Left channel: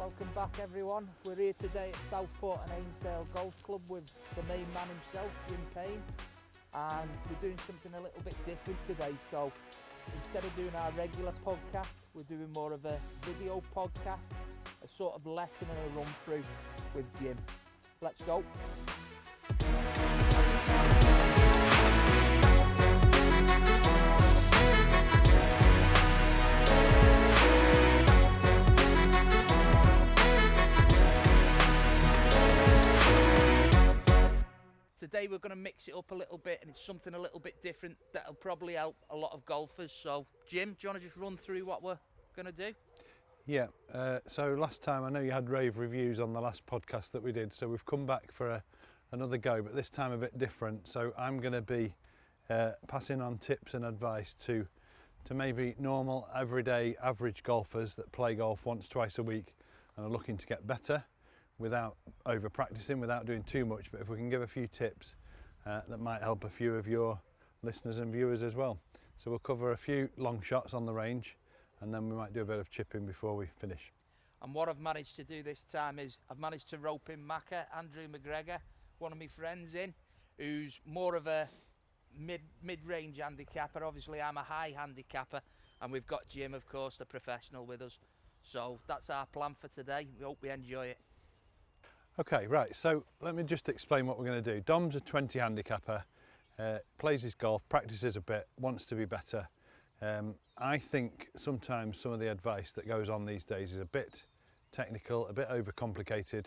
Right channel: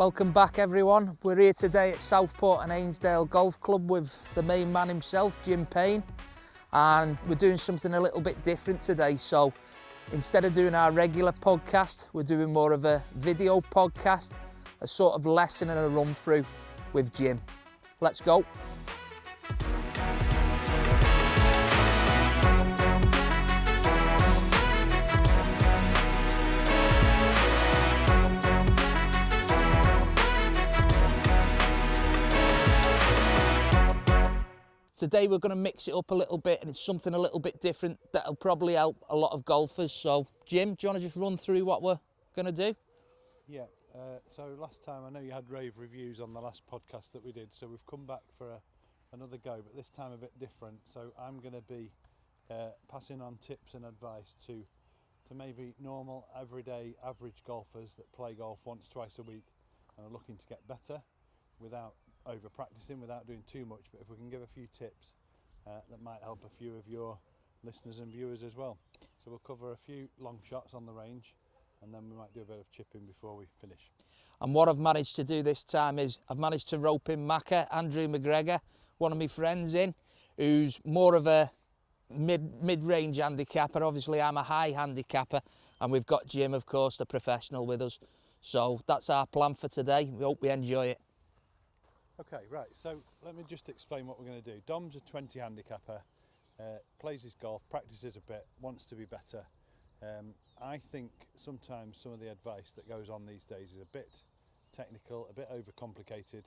Welcome back everyone. We're here today at Southport Ainsdale Golf Club with the main man himself, Jim Payne, and we're doing something a little bit different today. So instead of doing our regular podcast, we're doing more of a video podcast, a sort of lesson and a run through with Jim. Let's go. Today we're going to mix it up a little bit, and it's something a little bit different that'll probably help a lot of golfers. So Jim, do you want to just run through what we're going to do? Yeah, so last time I know you had rave reviews on the last podcast that we did, so we've come back for another go, but this time a bit different. So I'm going to be passing on tips and advice to maybe normal, everyday, average golfers that play golf once, twice a week and are looking to get better without over practicing, without doing too much. But if we can give a few tips that might help a few of your listeners and viewers as well. So we'll cover a few long shots on the range, and then we might do a bit of chipping before we finish. And what I've managed to do this time is I've managed to rope in Macca, Andrew McGregor, one of my friends in, who's more of a mid-range handicapper. Obviously I'm a high handicapper, and we've got Jim, of course, the professional, with us. So that's our plan for today. We hope we enjoy it. Okay, right, so let me just explain what we're going to do. Dom's a 20 handicapper, plays his golf, practices a bit, wants to be better. I think sometimes some of the advice that goes on these days is a bit technical, a bit overcomplicated.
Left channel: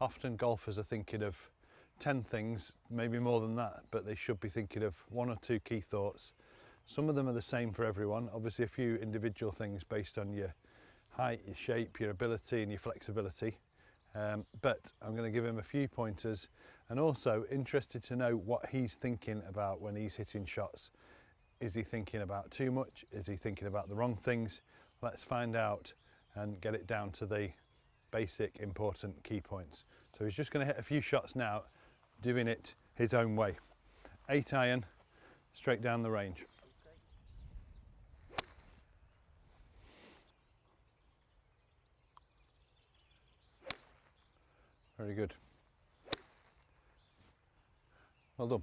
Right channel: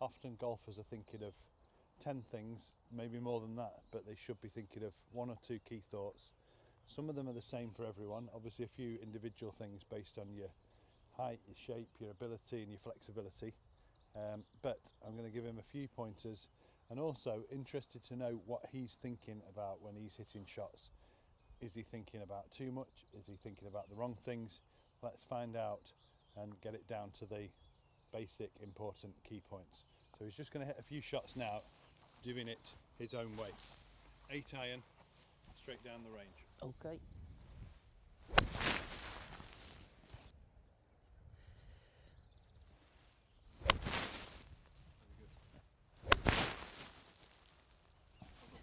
Often golfers are thinking of 10 things, maybe more than that, but they should be thinking of one or two key thoughts. Some of them are the same for everyone, obviously a few individual things based on your height, your shape, your ability and your flexibility. But I'm going to give him a few pointers, and also interested to know what he's thinking about when he's hitting shots. Is he thinking about too much? Is he thinking about the wrong things? Let's find out and get it down to the basic important key points. So he's just going to hit a few shots now, doing it his own way. 8 iron, straight down the range. Okay. Very good. Well done.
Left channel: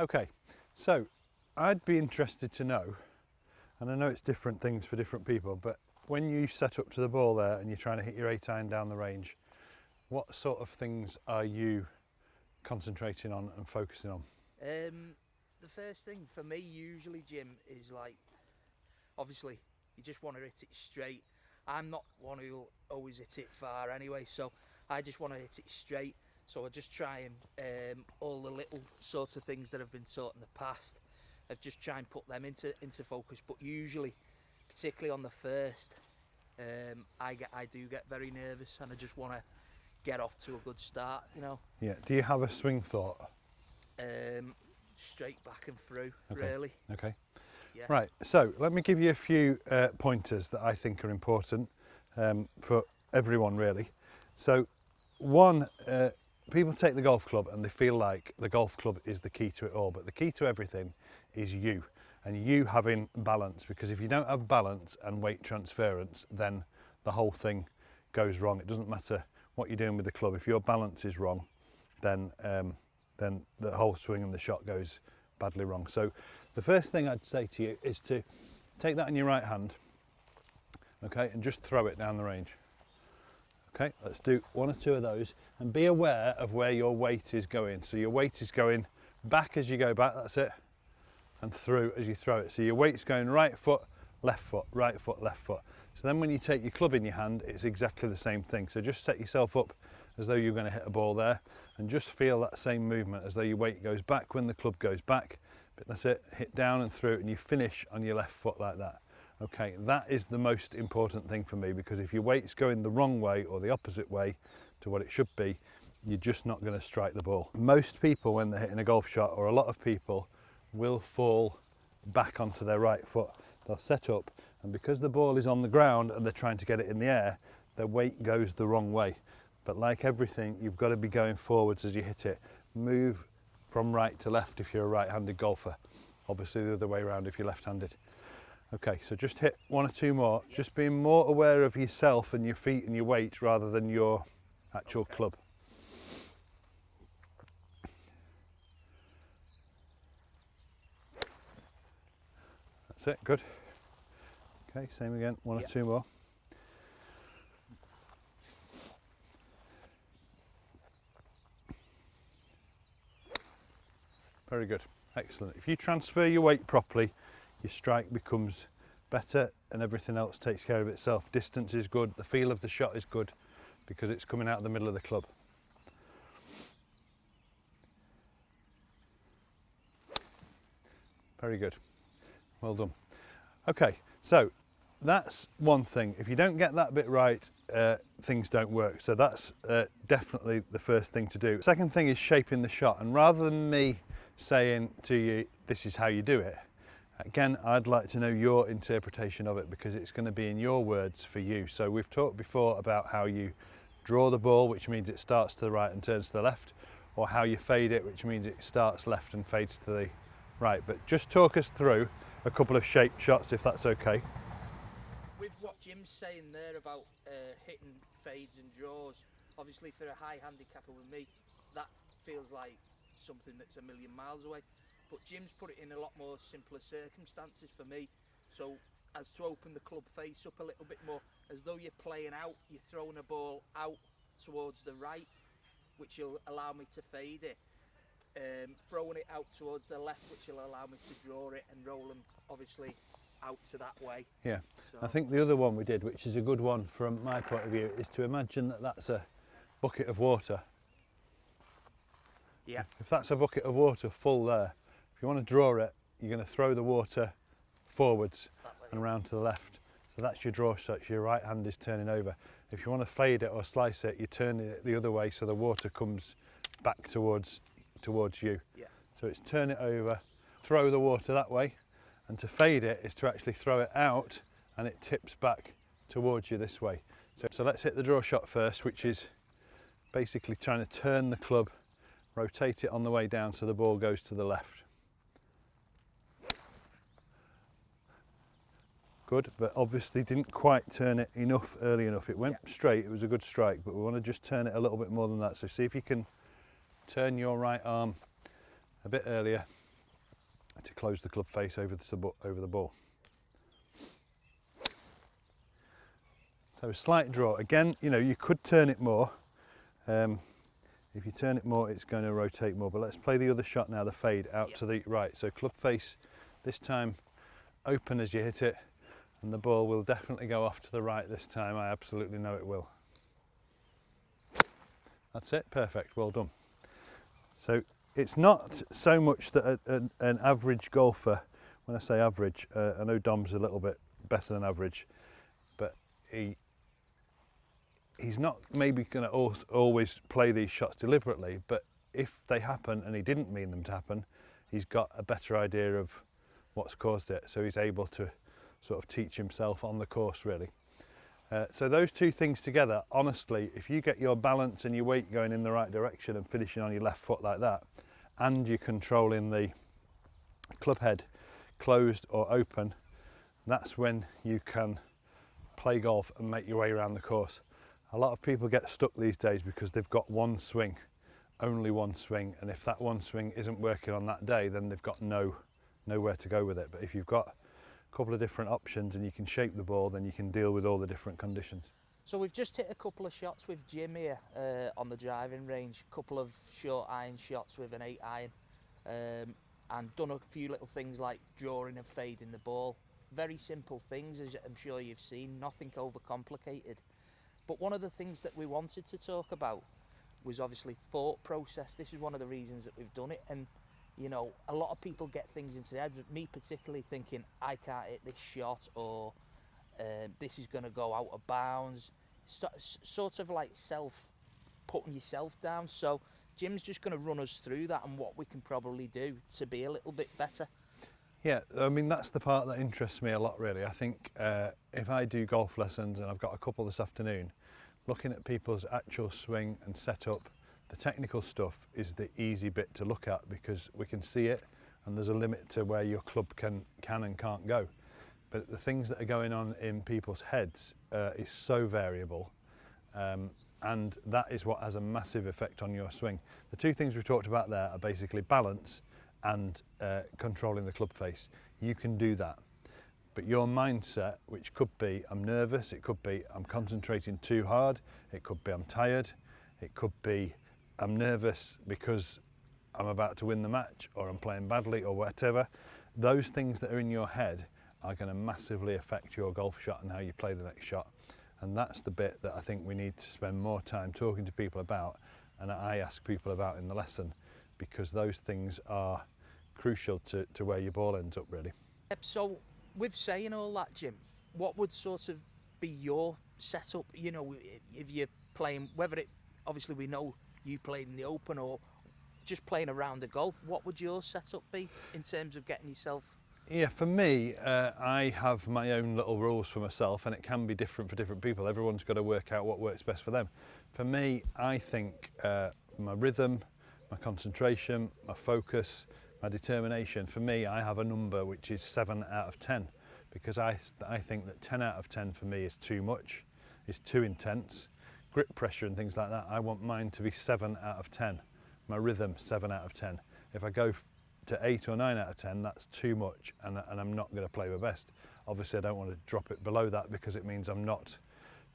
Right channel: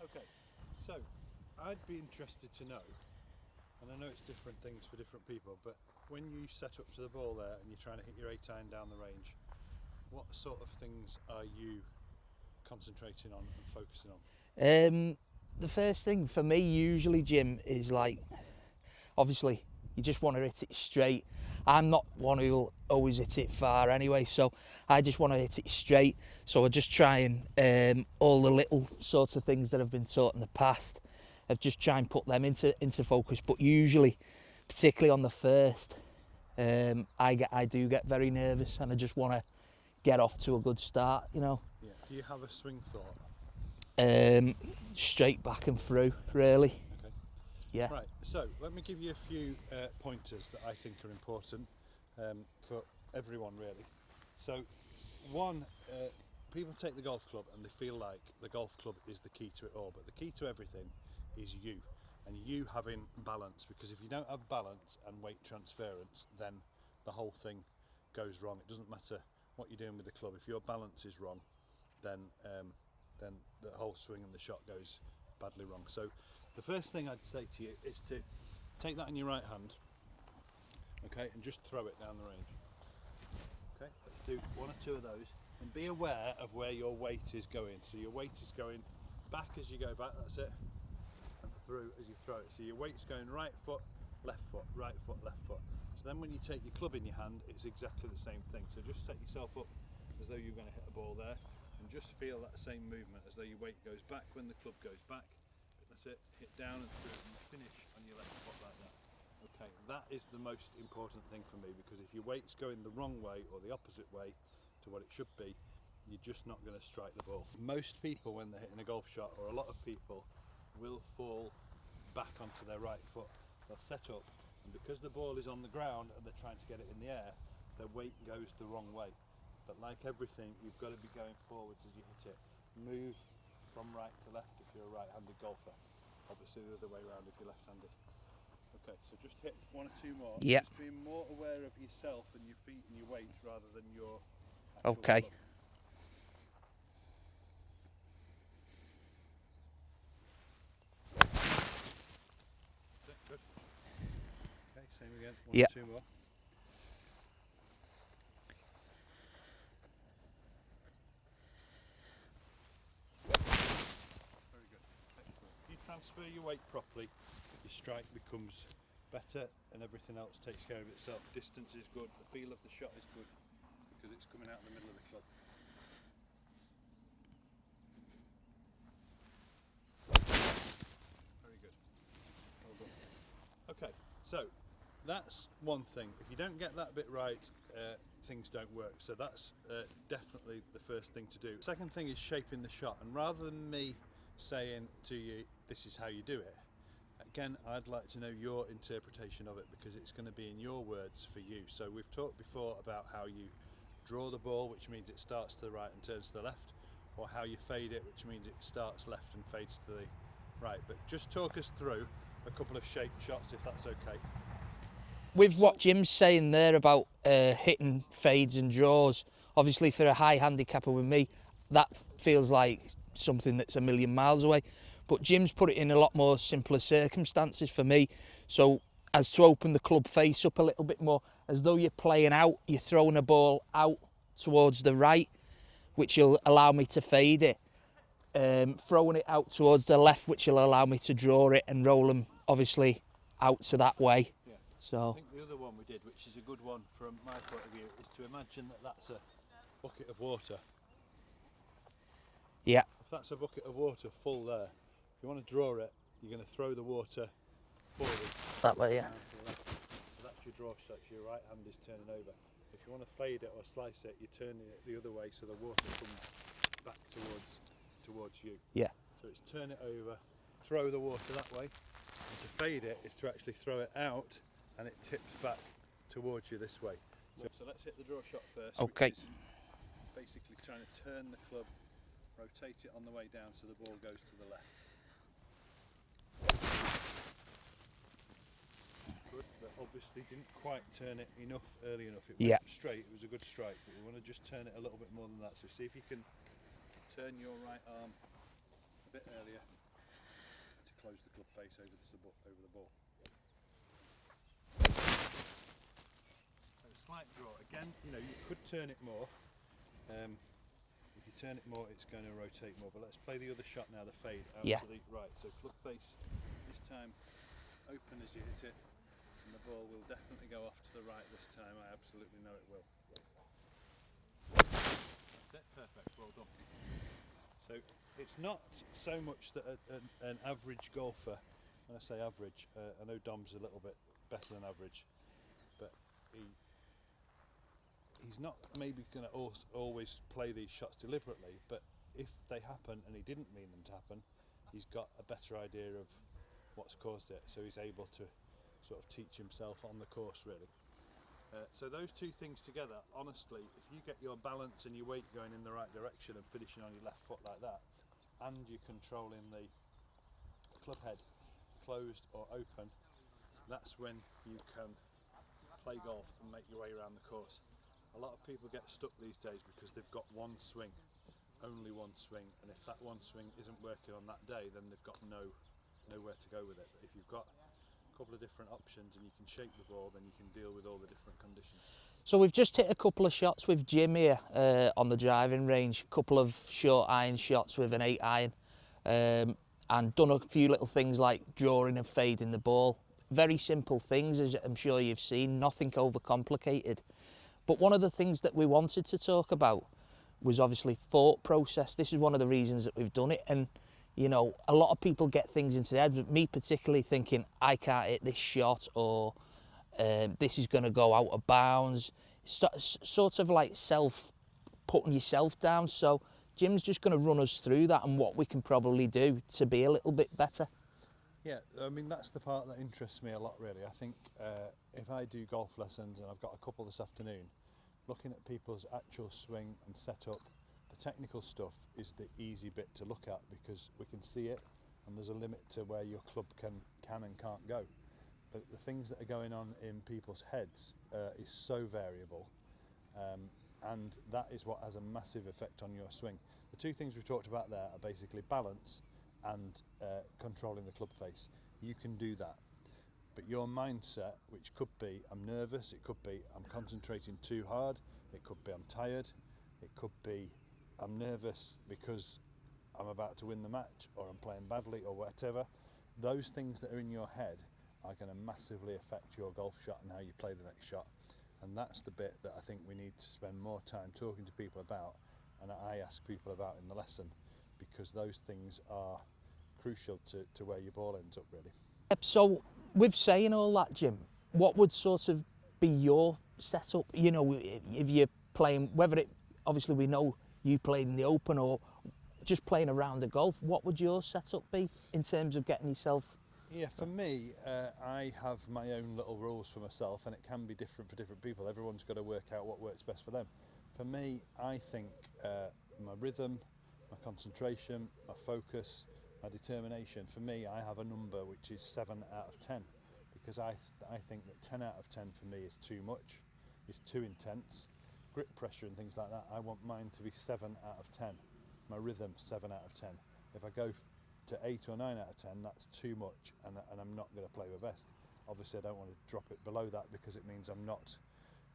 Okay, so I'd be interested to know, and I know it's different things for different people, but when you set up to the ball there and you're trying to hit your 8 iron down the range, what sort of things are you concentrating on and focusing on? The first thing for me usually, Jim, is like, obviously you just want to hit it straight. I'm not one who will always hit it far anyway, so I just want to hit it straight. So I just try and all the little sorts of things that I've been taught in the past, I just try and put them into focus. But usually, particularly on the first, I do get very nervous, and I just want to get off to a good start, you know. Yeah. Do you have a swing thought? Straight back and through, really. Okay. Yeah. Right, so let me give you a few pointers that I think are important for everyone really. So one, people take the golf club and they feel like the golf club is the key to it all, but the key to everything is you, and you having balance, because if you don't have balance and weight transference, then the whole thing goes wrong. It doesn't matter what you're doing with the club. If your balance is wrong, then the whole swing and the shot goes badly wrong. So the first thing I'd say to you is to take that in your right hand, okay, and just throw it down the range. Okay, let's do one or two of those, and be aware of where your weight is going. So your weight is going back as you go back, that's it, and through as you throw it. So your weight's going right foot, left foot, right foot, left foot. So then when you take your club in your hand, it's exactly the same thing. So just set yourself up as though you're going to hit a ball there, and just feel that same movement as though your weight goes back when the club goes back. But that's it, hit down and through, and you finish on your left foot like that. Okay, that is the most important thing for me, because if your weight's going the wrong way or the opposite way to what it should be, you're just not going to strike the ball. Most people, when they're hitting a golf shot, or a lot of people, will fall back onto their right foot. They'll set up, and because the ball is on the ground and they're trying to get it in the air, their weight goes the wrong way. But like everything, you've got to be going forwards as you hit it. Move from right to left if you're a right-handed golfer. Obviously the other way around if you're left-handed. Okay, so just hit 1 or 2 more. Yep. Just being more aware of yourself and your feet and your weight rather than your actual Okay. club. That's it, good. Okay, same again, 1 Yep. or 2 more. Very good, excellent. If you transfer your weight properly, your strike becomes better and everything else takes care of itself. Distance is good, the feel of the shot is good because it's coming out of the middle of the club. Very good, well done. Okay, so that's one thing. If you don't get that bit right, things don't work. So that's definitely the first thing to do. Second thing is shaping the shot, and rather than me saying to you, this is how you do it, again, I'd like to know your interpretation of it because it's going to be in your words for you. So we've talked before about how you draw the ball, which means it starts to the right and turns to the left, or how you fade it, which means it starts left and fades to the right. But just talk us through a couple of shaped shots, if that's okay. With what Jim's saying there about hitting fades and draws, obviously for a high handicapper with me, that feels like something that's a million miles away. But Jim's put it in a lot more simpler circumstances for me. So as to open the club face up a little bit more, as though you're playing out, you're throwing a ball out towards the right, which will allow me to fade it. Throwing it out towards the left, which will allow me to draw it and roll them, obviously, out to that way. Yeah. So I think the other one we did, which is a good one from my point of view, is to imagine that that's a bucket of water. yeah, If that's a bucket of water full there, if you want to draw it, you're going to throw the water forwards that way. and Yeah. round to the left. So that's your draw shot, your right hand is turning over. If you want to fade it or slice it, you turn it the other way so the water comes back towards you. Yeah. So it's turn it over, throw the water that way, and to fade it is to actually throw it out and it tips back towards you this way. So let's hit the draw shot first, which Okay. is basically trying to turn the club, rotate it on the way down so the ball goes to the left. Good, but obviously didn't quite turn it enough early enough. It went Yeah. straight, it was a good strike, but we want to just turn it a little bit more than that. So see if you can turn your right arm a bit earlier to close the club face over the ball. So a slight draw. Again, you know, you could turn it more. If you turn it more, it's going to rotate more. But let's play the other shot now, the fade out Yeah. to the right. So club face, this time open as you hit it, and the ball will definitely go off to the right this time. I absolutely know it will. That's it, perfect, well done. So it's not so much that an average golfer, when I say average, I know Dom's a little bit better than average, but he's not maybe going to always play these shots deliberately, but if they happen and he didn't mean them to happen, he's got a better idea of what's caused it, so he's able to sort of teach himself on the course really. So those two things together, honestly, if you get your balance and your weight going in the right direction and finishing on your left foot like that, and you're controlling the club head closed or open, that's when you can play golf and make your way around the course. A lot of people get stuck these days because they've got one swing, only one swing, and if that one swing isn't working on that day, then they've got nowhere to go with it. But if you've got a couple of different options and you can shape the ball, then you can deal with all the different conditions. So we've just hit a couple of shots with Jim here on the driving range, a couple of short iron shots with an 8 iron, and done a few little things like drawing and fading the ball. Very simple things, as I'm sure you've seen, nothing overcomplicated. But one of the things that we wanted to talk about was obviously thought process. This is one of the reasons that we've done it. And, you know, a lot of people get things into their head, but me particularly thinking, I can't hit this shot, or this is going to go out of bounds. Sort of like putting yourself down. So Jim's just going to run us through that and what we can probably do to be a little bit better. Yeah, I mean, that's the part that interests me a lot, really. I think if I do golf lessons, and I've got a couple this afternoon, looking at people's actual swing and setup, the technical stuff is the easy bit to look at because we can see it and there's a limit to where your club can and can't go. but the things that are going on in people's heads is so variable, and that is what has a massive effect on your swing. The two things we talked about there are basically balance and controlling the club face. You can do that, but your mindset, which could be I'm nervous, it could be I'm concentrating too hard, it could be I'm tired, it could be I'm nervous because I'm about to win the match, or I'm playing badly, or whatever. Those things that are in your head are going to massively affect your golf shot and how you play the next shot. And that's the bit that I think we need to spend more time talking to people about, and I ask people about in the lesson, because those things are crucial to where your ball ends up, really. So with saying all that, Jim, what would sort of be your setup? You know, if you're playing, whether it, obviously we know you played in the Open or just playing around the golf, what would your setup be in terms of getting yourself? Yeah, for me, I have my own little rules for myself, and it can be different for different people. Everyone's got to work out what works best for them. For me, I think my rhythm, my concentration, my focus, my determination, for me, I have a number which is 7 out of 10, because I think that 10 out of 10 for me is too much, is too intense. Grip pressure and things like that, I want mine to be 7 out of 10. My rhythm, 7 out of 10. If I go to 8 or 9 out of 10, that's too much, and I'm not going to play my best. Obviously, I don't want to drop it below that, because it means I'm not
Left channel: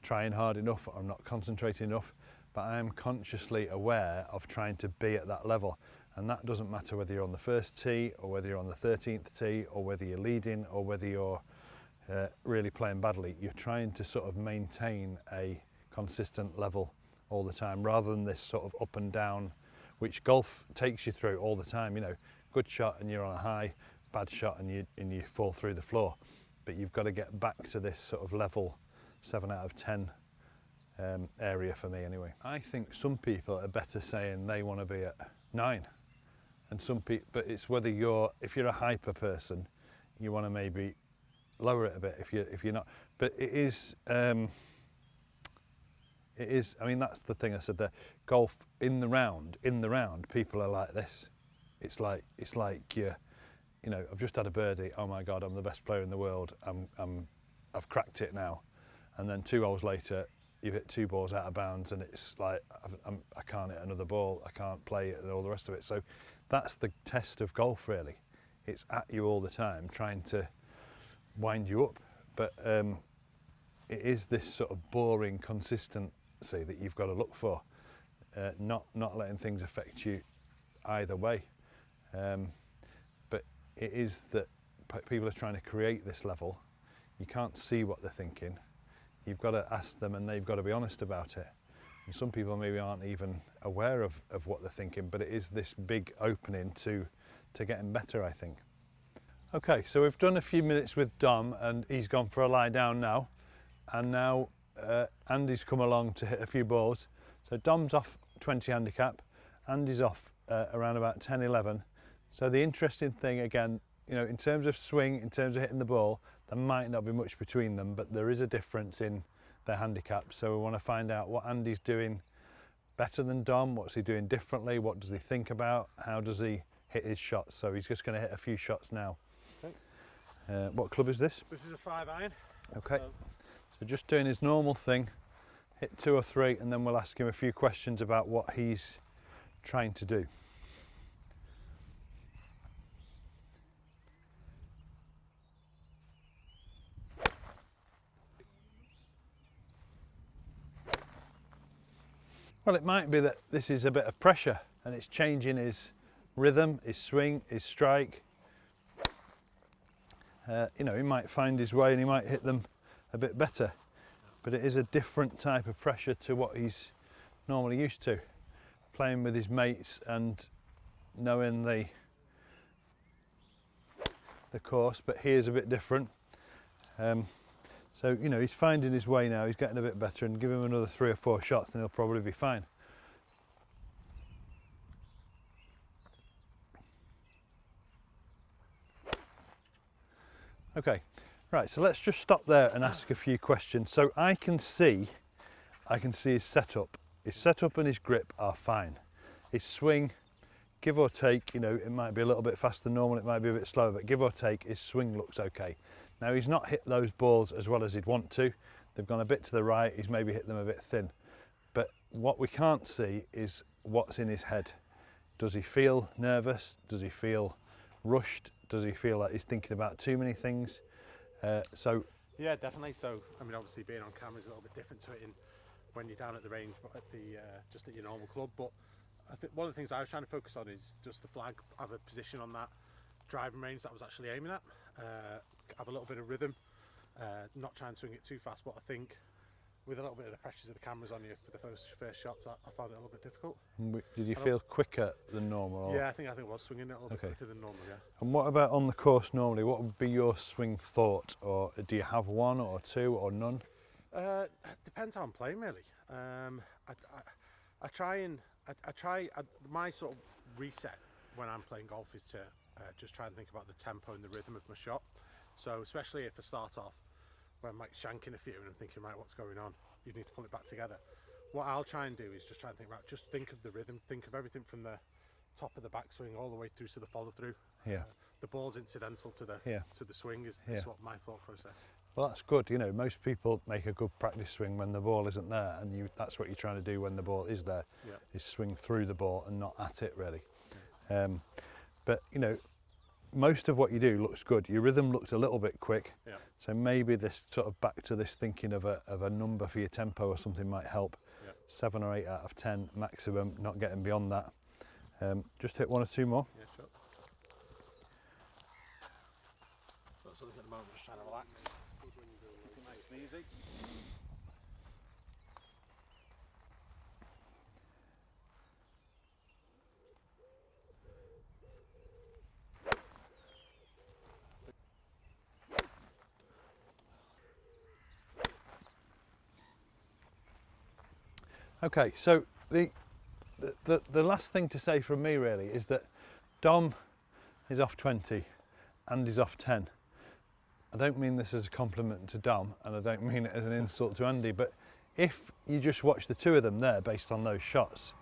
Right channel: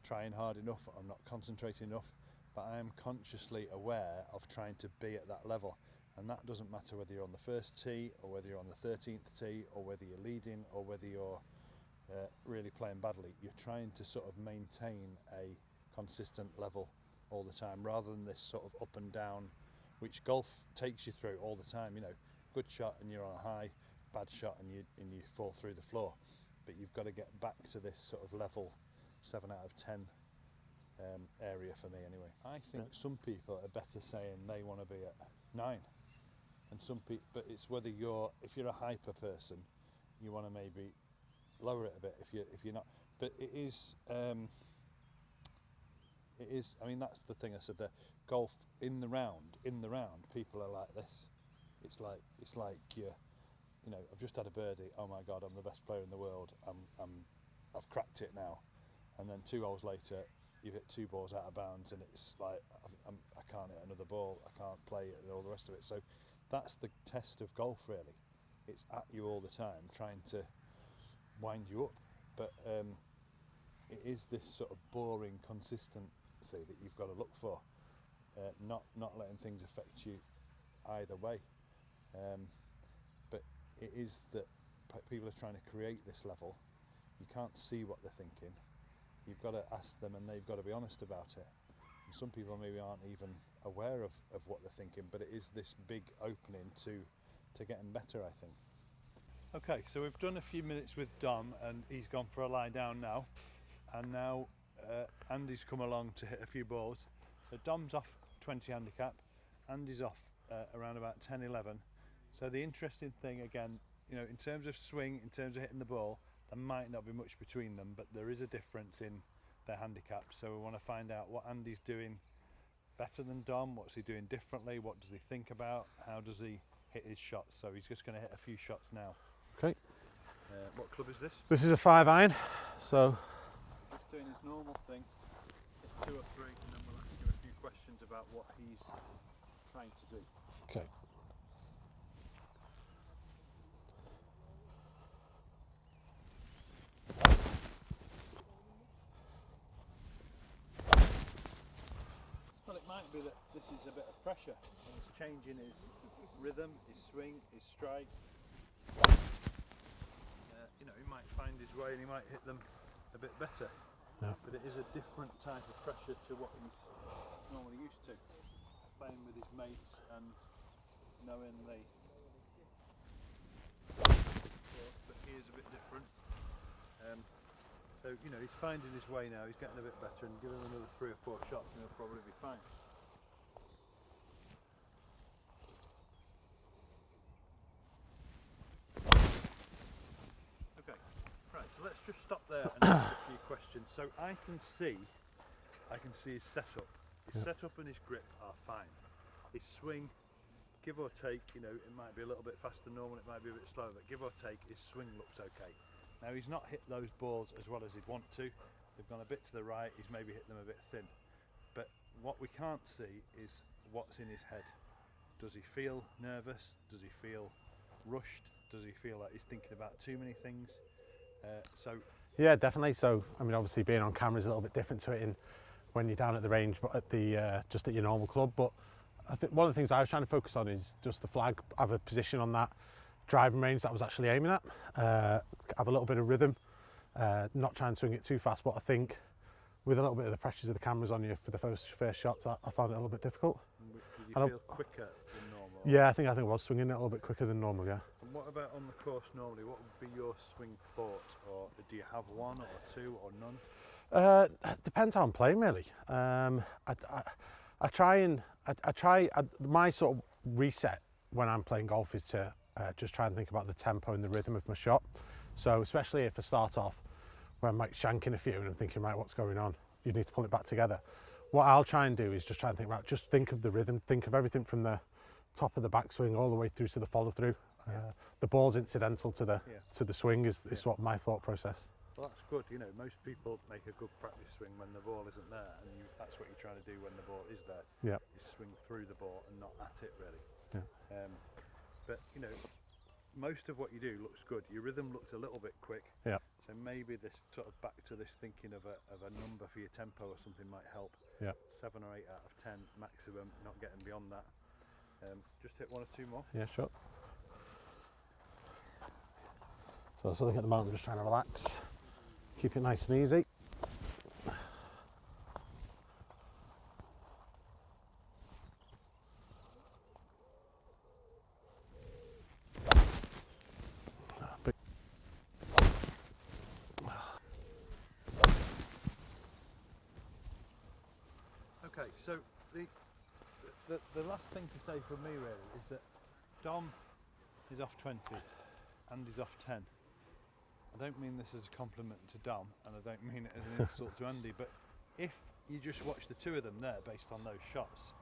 trying hard enough, or I'm not concentrating enough, but I am consciously aware of trying to be at that level. And that doesn't matter whether you're on the first tee, or whether you're on the 13th tee, or whether you're leading, or whether you're really playing badly. You're trying to sort of maintain a consistent level all the time, rather than this sort of up and down, which golf takes you through all the time. You know, good shot and you're on a high, bad shot and you fall through the floor. But you've got to get back to this sort of level 7 out of 10 area for me anyway. I think some people are better saying they want to be at 9, and some people, but it's whether if you're a hyper person, you want to maybe lower it a bit. If you're not, but it is. I mean, that's the thing I said there. Golf in the round, people are like this. It's like you know, I've just had a birdie. Oh my God, I'm the best player in the world. I've cracked it now. And then 2 hours later, you've hit 2 balls out of bounds, and it's like I can't hit another ball. I can't play it, and all the rest of it. So that's the test of golf, really. It's at you all the time, trying to wind you up. But it is this sort of boring consistency that you've got to look for, not letting things affect you either way. But it is that people are trying to create this level. You can't see what they're thinking. You've got to ask them, and they've got to be honest about it. And some people maybe aren't even aware of what they're thinking, but it is this big opening to getting better, I think. Okay, so we've done a few minutes with Dom, and he's gone for a lie down now. And now Andy's come along to hit a few balls. So Dom's off 20 handicap, Andy's off around about 10, 11. So the interesting thing, again, you know, in terms of swing, in terms of hitting the ball, there might not be much between them, but there is a difference in their handicap. So we want to find out what Andy's doing better than Dom, what's he doing differently, what does he think about, how does he hit his shots. So he's just going to hit a few shots now. Okay. What club is this? This is a 5 iron. Okay. So Just doing his normal thing, hit 2 or 3, and then we'll ask him a few questions about what he's trying to do. okay. Well, it might be that this is a bit of pressure, and it's changing his rhythm, his swing, his strike. You know, he might find his way and he might hit them a bit better, but it is a different type of pressure to what he's normally used to, playing with his mates and knowing the course. But here's a bit different. So you know, he's finding his way now, he's getting a bit better, and give him another 3 or 4 shots and he'll probably be fine. Okay, right, so let's just stop there and ask a few questions. So I can see his setup. His setup and his grip are fine. His swing, give or take, you know, it might be a little bit faster than normal, it might be a bit slower, but give or take, his swing looks okay. Now he's not hit those balls as well as he'd want to. They've gone a bit to the right, he's maybe hit them a bit thin. But what we can't see is what's in his head. Does he feel nervous? Does he feel rushed? Does he feel like he's thinking about too many things? Yeah, definitely. So, I mean, obviously being on camera is a little bit different to it in when you're down at the range, but at the just at your normal club. But I think one of the things I was trying to focus on is just the flag. Have a position on that driving range that I was actually aiming at. Have a little bit of rhythm. Not try and swing it too fast, but I think with a little bit of the pressures of the cameras on you for the first shots, I found it a little bit difficult. Did you feel quicker than normal? Yeah, I think I was swinging it a little bit quicker than normal, yeah. And what about on the course normally? What would be your swing thought? Or do you have one or two or none? Depends how I'm playing, really. My sort of reset when I'm playing golf is to just try and think about the tempo and the rhythm of my shot. So especially if I start off where I'm like shanking a few and I'm thinking, right, what's going on? You need to pull it back together. What I'll try and do is just try and think about, just think of the rhythm, think of everything from the top of the backswing all the way through to the follow through. Yeah. The ball's incidental to the swing is what my thought process. Well, that's good. You know, most people make a good practice swing when the ball isn't there, and that's what you're trying to do when the ball is there. Yeah. Is swing through the ball and not at it, really. Yeah. But you know, most of what you do looks good. Your rhythm looked a little bit quick. Yeah. So maybe this sort of back to this thinking of a number for your tempo or something might help. Yeah. 7 or 8 out of 10 maximum, not getting beyond that. Just hit 1 or 2 more. Yeah, sure. So I think at the moment I'm just trying to relax, keep it nice and easy. Okay, so the last thing to say from me really is that Dom is off 20, Andy's off 10. I don't mean this as a compliment to Dom, and I don't mean it as an insult to Andy, but if you just watch the two of them there based on those shots,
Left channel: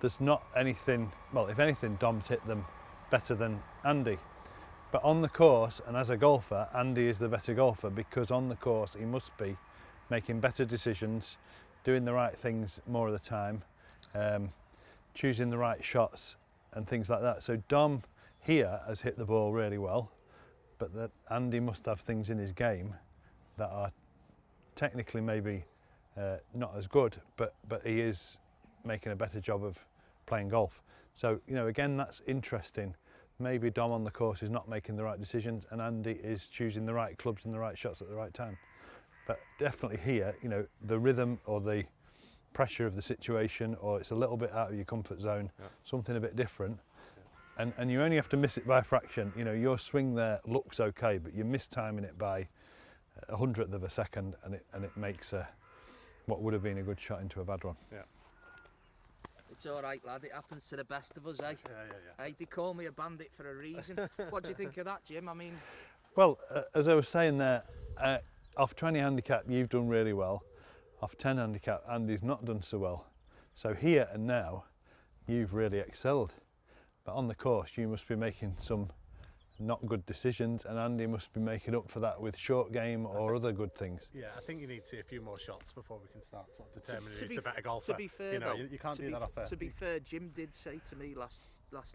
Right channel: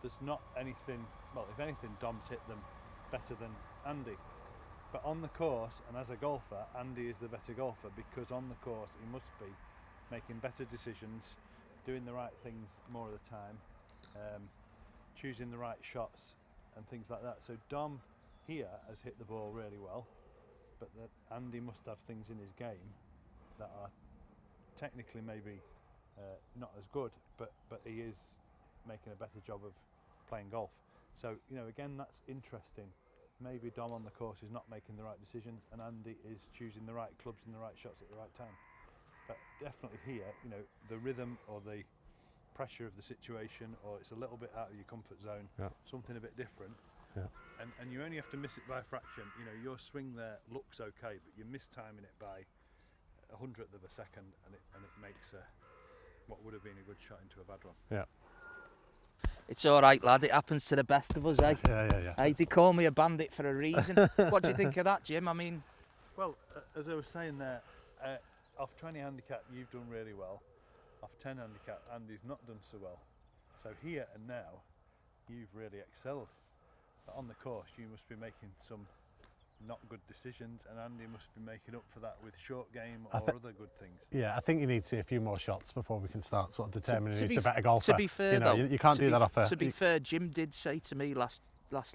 there's not anything, well, if anything, Dom's hit them better than Andy. But on the course, and as a golfer, Andy is the better golfer, because on the course he must be making better decisions, doing the right things more of the time, choosing the right shots and things like that. So Dom here has hit the ball really well, but that Andy must have things in his game that are technically maybe not as good, but he is making a better job of playing golf. So, you know, again, that's interesting. Maybe Dom on the course is not making the right decisions and Andy is choosing the right clubs and the right shots at the right time. But definitely here, you know, the rhythm or the pressure of the situation, or it's a little bit out of your comfort zone, something a bit different. Yeah. And you only have to miss it by a fraction. You know, your swing there looks okay, but you're mistiming it by 100th of a second, and it makes what would have been a good shot into a bad one. Yeah. It's all right, lad. It happens to the best of us, eh? Yeah. Hey, they call me a bandit for a reason. What do you think of that, Jim? I mean, well, as I was saying there, off 20 handicap, you've done really well. Off 10 handicap, Andy's not done so well. So here and now, you've really excelled. But on the course, you must be making some not good decisions, and Andy must be making up for that with short game or other good things. Yeah, I think you need to see a few more shots before we can start sort of determining who's the better golfer. To be fair, you know, though, you can't do that off a... To be fair, Jim did say to me last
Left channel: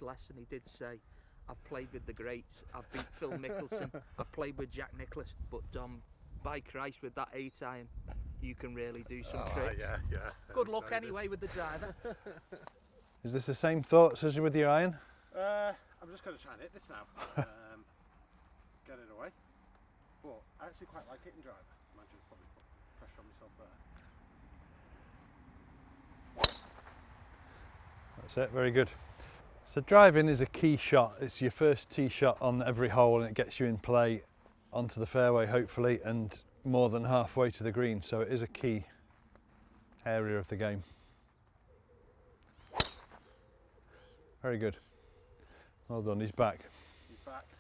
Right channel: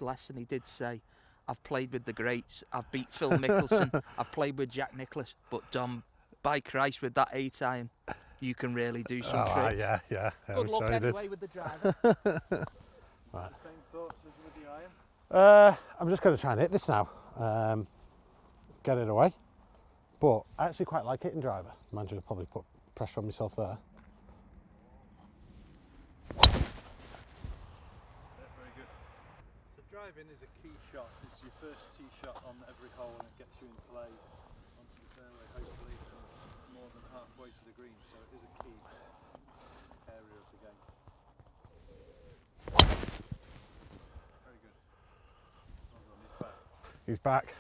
lesson, he did say, I've played with the greats, I've beat Phil Mickelson, I've played with Jack Nicklaus, but Dom, by Christ, with that 8-iron, you can really do some tricks. Yeah. Good luck anyway with the driver. Is this the same thoughts as with your iron? I'm just going to try and hit this now. Get it away. But I actually quite like hitting driver. Mind you, I'll probably put pressure on myself there. That's it, very good. So driving is a key shot. It's your first tee shot on every hole, and it gets you in play onto the fairway hopefully, and more than halfway to the green. So it is a key area of the game. Very good. Well done, he's back. He's back,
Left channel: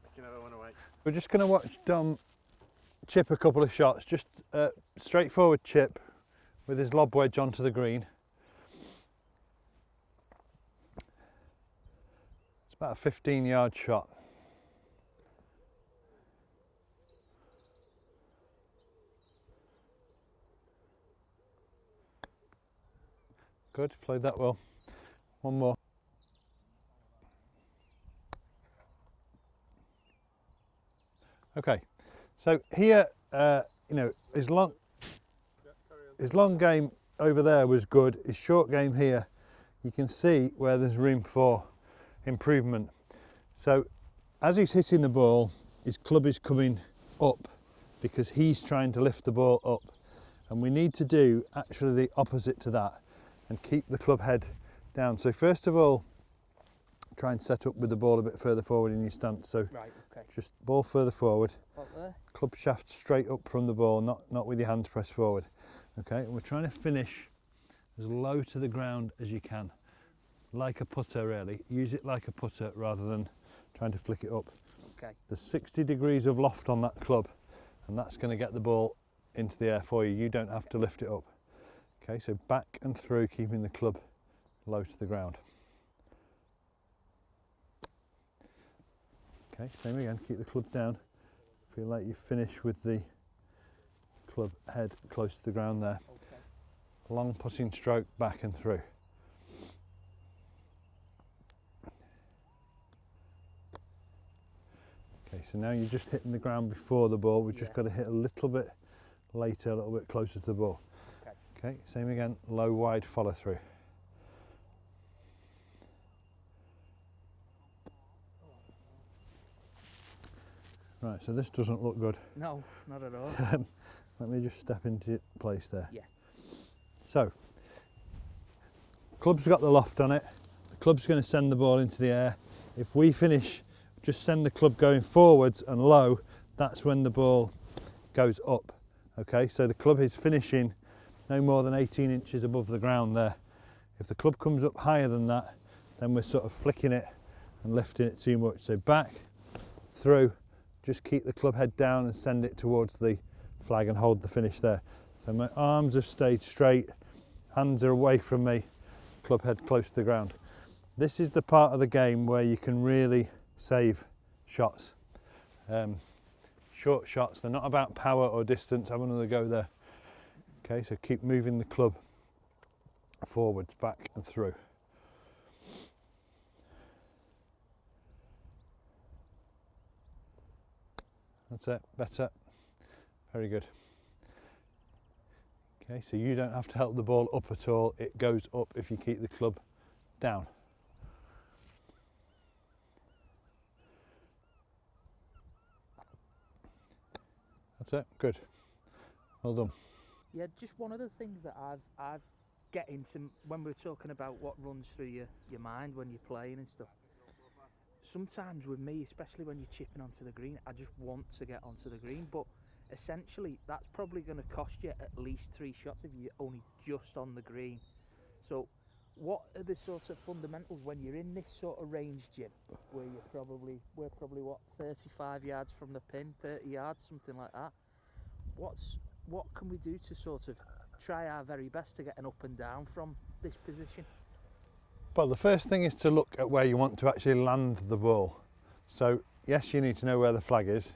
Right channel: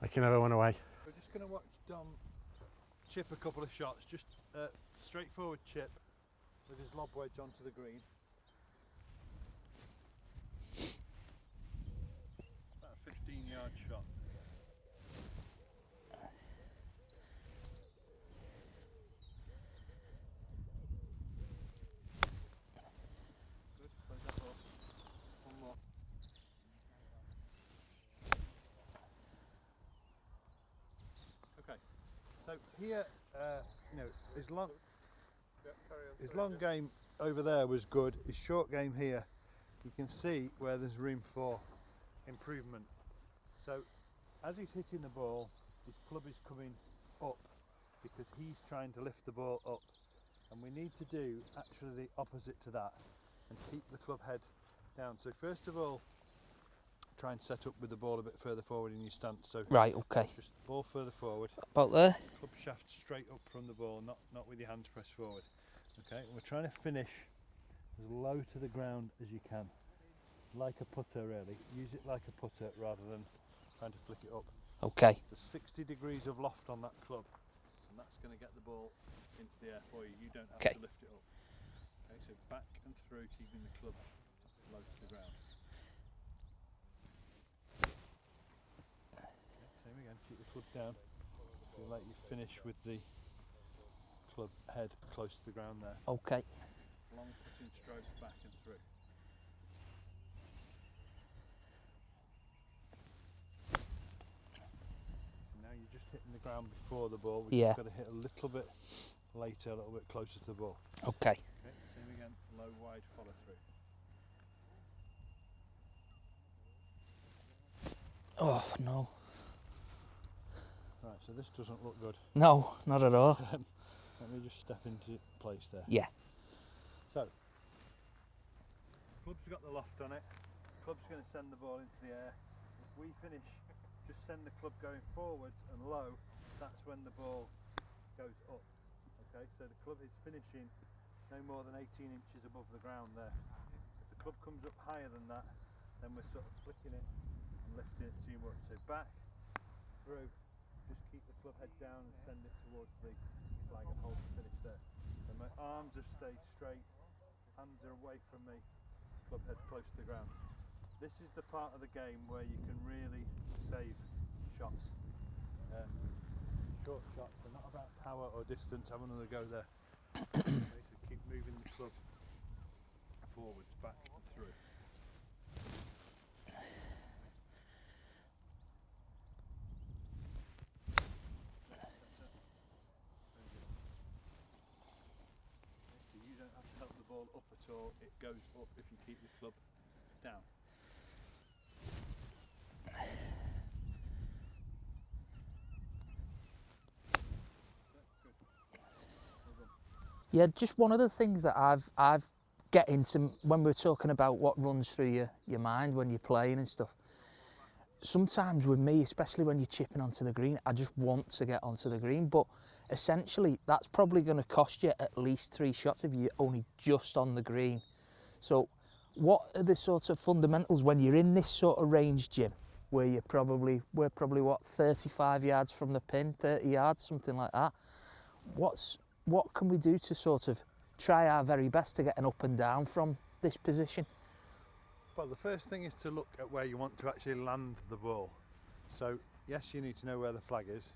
like he never went away. We're just going to watch Dom chip a couple of shots, just straightforward chip with his lob wedge onto the green. It's about a 15-yard shot. good, played that well. One more. Okay, so here, you know, his long game over there was good. His short game here, you can see where there's room for improvement. So as he's hitting the ball, his club is coming up because he's trying to lift the ball up. And we need to do actually the opposite to that and keep the club head down. So first of all, try and set up with the ball a bit further forward in your stance. So Right, okay. just ball further forward. About there? Club shaft straight up from the ball, not with your hands pressed forward. Okay, and we're trying to finish as low to the ground as you can. Like a putter really. Use it like a putter rather than trying to flick it up. Okay. There's 60 degrees of loft on that club and that's going to get the ball into the air for you. You don't have to lift it up. Okay, so back and through, keeping the club low to the ground. Okay, same again, keep the club down. Feel like you finish with the club head close to the ground there. Okay. Long putting stroke back and through. Okay, so now you're just hitting the ground before the ball. We've just got to hit a little bit later, a little bit closer to the ball. Okay. Okay, same again, low, wide follow through. Oh, no. Right, so this doesn't look good. No, not at all. Let me just step into place there. Yeah. So, club's got the loft on it. The club's going to send the ball into the air. If we finish, just send the club going forwards and low, that's when the ball goes up. Okay, so the club is finishing no more than 18 inches above the ground there. If the club comes up higher than that, then we're sort of flicking it and lifting it too much. So back, through, just keep the club head down and send it towards the flag and hold the finish there. So my arms have stayed straight, hands are away from me, club head close to the ground. This is the part of the game where you can really save shots. Short shots, they're not about power or distance. Have another go there. Okay, so keep moving the club forwards, back and through. That's it, better. Very good. Okay, so you don't have to help the ball up at all. It goes up if you keep the club down. That's it, good. Well done. Yeah, just one of the things that I've get into when we're talking about what runs through your mind when you're playing and stuff. Sometimes with me, especially when you're chipping onto the green, I just want to get onto the green, but essentially that's probably going to cost you at least 3 shots if you're only just on the green. So what are the sorts of fundamentals when you're in this sort of range, Jim, where we're probably what, 35 yards from the pin, 30 yards, something like that? What can we do to sort of try our very best to get an up and down from this position? Well, the first thing is to look at where you want to actually land the ball. So yes, you need to know where the flag is,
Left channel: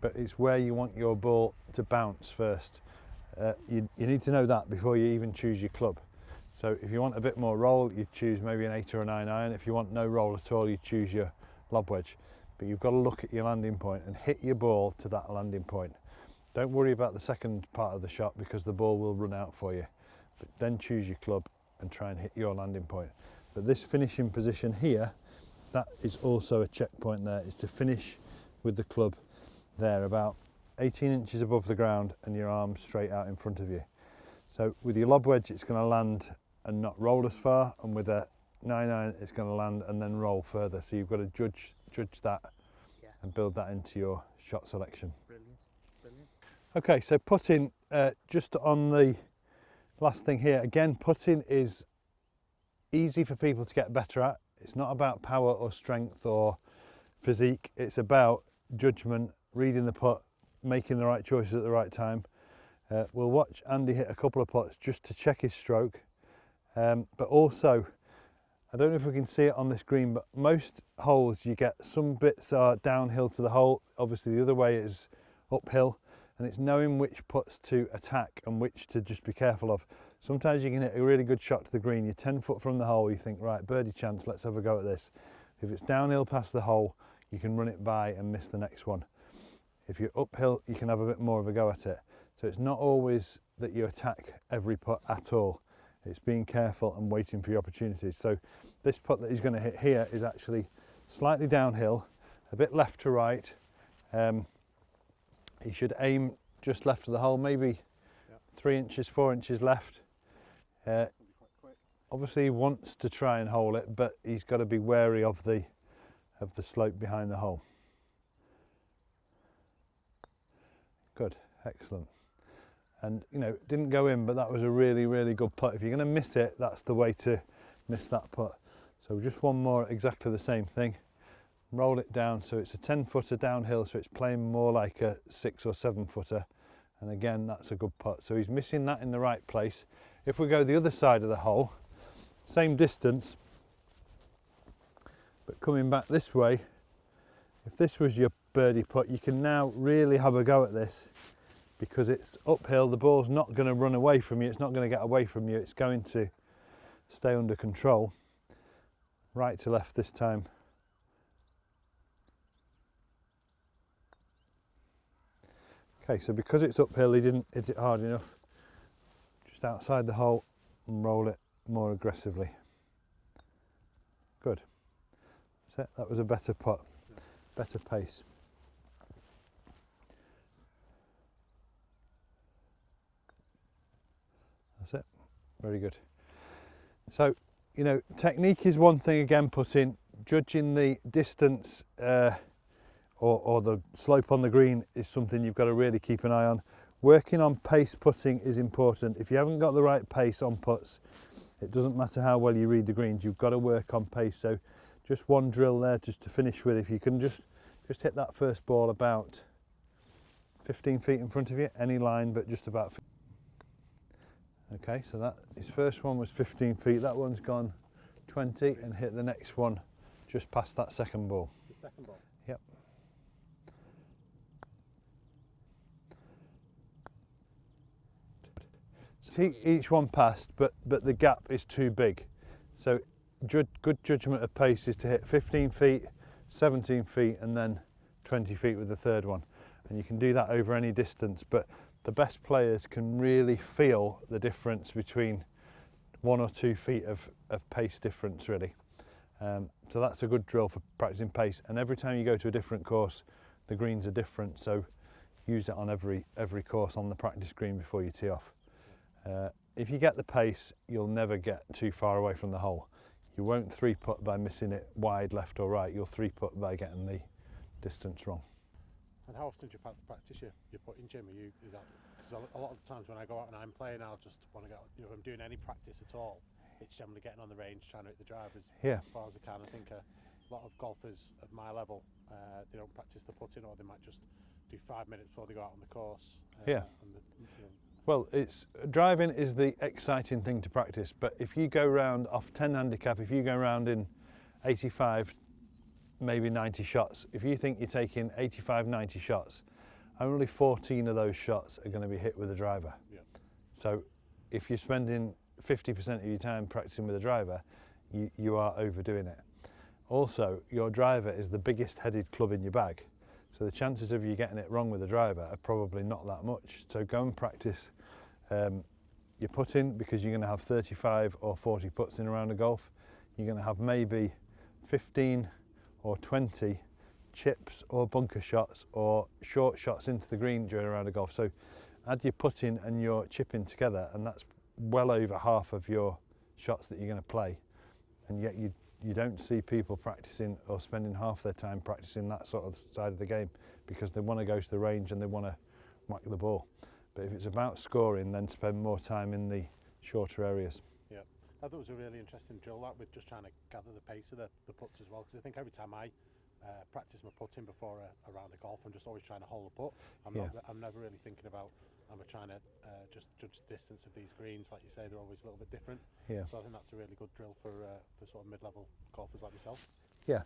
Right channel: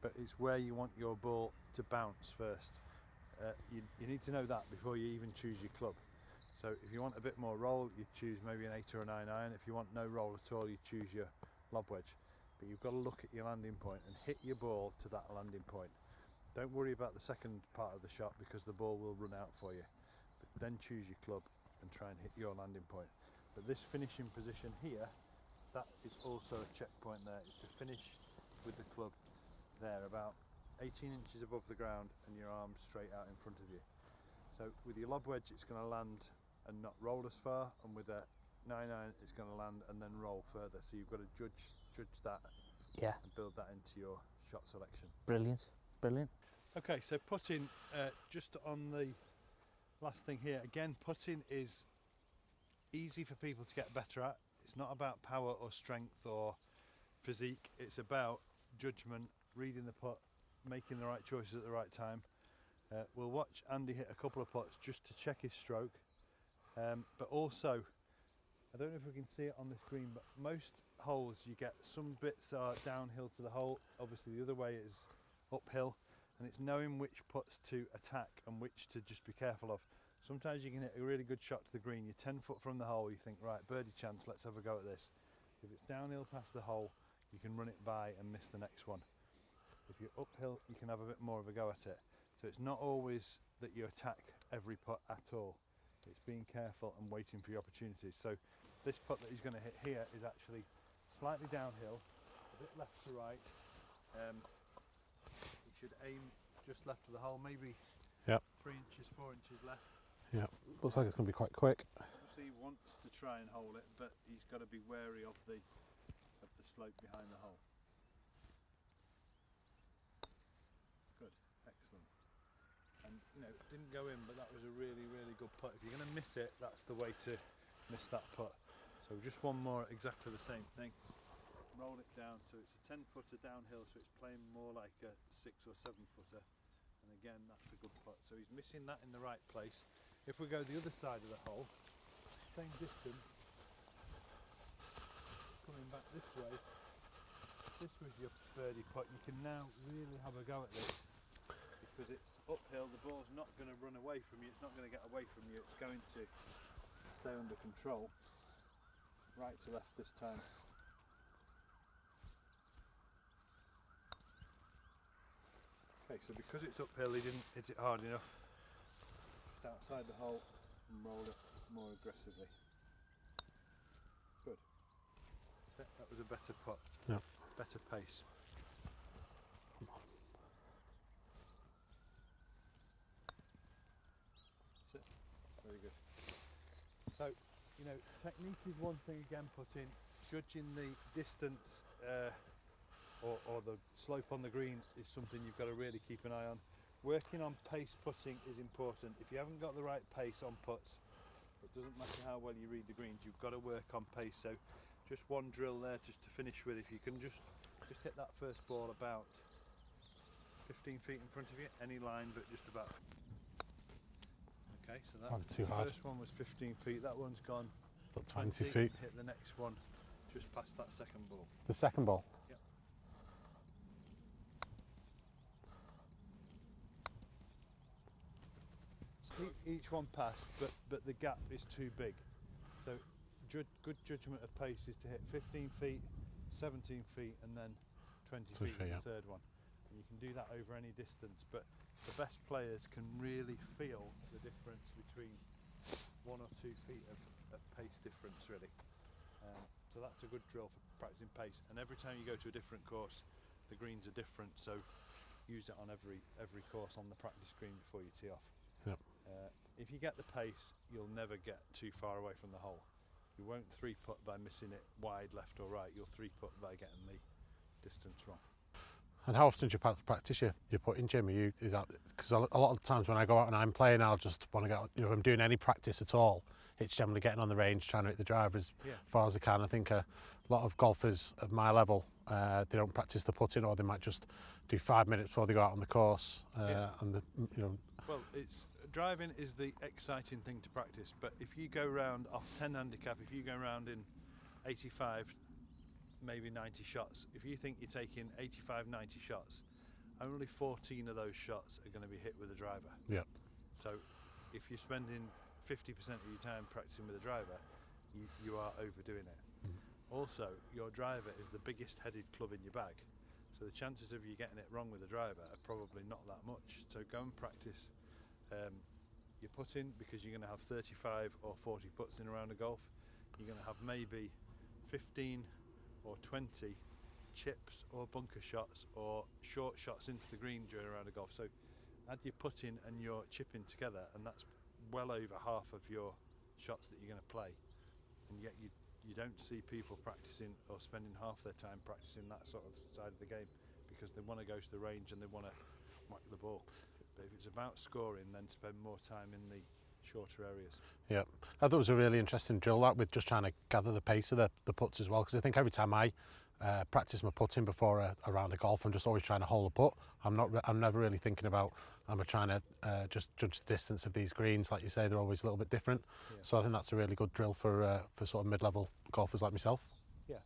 but it's where you want your ball to bounce first. You need to know that before you even choose your club. So if you want a bit more roll, you choose maybe an 8 or a 9 iron. If you want no roll at all, you choose your lob wedge. But you've got to look at your landing point and hit your ball to that landing point. Don't worry about the second part of the shot because the ball will run out for you. But then choose your club and try and hit your landing point. But this finishing position here, that is also a checkpoint there, is to finish with the club there about 18 inches above the ground and your arms straight out in front of you. So with your lob wedge, it's going to land and not roll as far, and with a 9 iron, it's going to land and then roll further. So you've got to judge that and build that into your shot selection. Brilliant, brilliant. Okay, so putting, just on the last thing here, again, putting is easy for people to get better at. It's not about power or strength or physique, it's about judgment, reading the putt, making the right choices at the right time. We'll watch Andy hit a couple of putts just to check his stroke, but also, I don't know if we can see it on this green, but most holes you get some bits are downhill to the hole, obviously the other way is uphill, and it's knowing which putts to attack and which to just be careful of. Sometimes you can hit a really good shot to the green, you're 10 foot from the hole, you think, right, birdie chance, let's have a go at this. If it's downhill past the hole, you can run it by and miss the next one. If you're uphill, you can have a bit more of a go at it. So it's not always that you attack every putt at all. It's being careful and waiting for your opportunities. So this putt that he's going to hit here is actually slightly downhill, a bit left to right. He should aim just left of the hole, maybe 3 inches, 4 inches left. Yeah, looks like it's going to be quite quick. Obviously he wants to try and hole it, but he's got to be wary of the slope behind the hole. Good, excellent. And you know, it didn't go in, but that was a really, really good putt. If you're going to miss it, that's the way to miss that putt. So just one more, exactly the same thing. Roll it down, so it's a 10-footer downhill, so it's playing more like a 6 or 7-footer. And again, that's a good putt. So he's missing that in the right place. If we go the other side of the hole, same distance, but coming back this way, if this was your birdie putt, you can now really have a go at this, because it's uphill, the ball's not going to run away from you, it's not going to get away from you, it's going to stay under control. Right to left this time. Okay, so because it's uphill, he didn't hit it hard enough. Just outside the hole and roll it more aggressively. Good. So that was a better putt, better pace. That's it. Very good. So, you know, technique is one thing again, putting, judging the distance or the slope on the green is something you've got to really keep an eye on. Working on pace putting is important. If you haven't got the right pace on putts, it doesn't matter how well you read the greens, you've got to work on pace. So just one drill there just to finish with. If you can just hit that first ball about 15 feet in front of you, any line, but just about. Okay, so that his first one was 15 feet, that one's gone 20 and hit the next one just past that second ball. The second ball? Yep. See, each one passed, but the gap is too big. So good judgment of pace is to hit 15 feet, 17 feet and then 20 feet with the third one. And you can do that over any distance, but the best players can really feel the difference between 1 or 2 feet of pace difference, really. So that's a good drill for practicing pace. And every time you go to a different course, the greens are different. So use it on every course on the practice green before you tee off. Yep. If you get the pace, you'll never get too far away from the hole. You won't 3-putt by missing it wide left or right. You'll 3-putt by getting the distance wrong. And how often do you practice your putting, Jim? Is that because a lot of the times when I go out and I'm playing, I'll just want to get, you know, if I'm doing any practice at all, it's generally getting on the range, trying to hit the driver as far as I can. I think a lot of golfers of my level, they don't practice the putting, or they might just do 5 minutes before they go out on the course. And the, you know. Well, driving is the exciting thing to practice, but if you go round off 10 handicap, if you go round in 85, maybe 90 shots, if you think you're taking 85, 90 shots, only 14 of those shots are going to be hit with a driver. Yeah. So if you're spending 50% of your time practicing with a driver, you are overdoing it. Also, your driver is the biggest headed club in your bag, so the chances of you getting it wrong with a driver are probably not that much. So go and practice your putting, because you're going to have 35 or 40 putts in a round of golf. You're going to have maybe 15 or 20 chips or bunker shots or short shots into the green during a round of golf. So add your putting and your chipping together, and that's well over half of your shots that you're going to play. And yet you don't see people practicing or spending half their time practicing that sort of side of the game, because they want to go to the range and they want to whack the ball. But if it's about scoring, then spend more time in the shorter areas. Yeah, I thought it was a really interesting drill, that, with just trying to gather the pace of the putts as well, because I think every time I practice my putting before a round of golf, I'm just always trying to hole a putt. I'm never really thinking about, am I trying to just judge the distance of these greens. Like you say, they're always a little bit different. Yeah. So I think that's a really good drill for sort of mid-level golfers like myself. Yeah.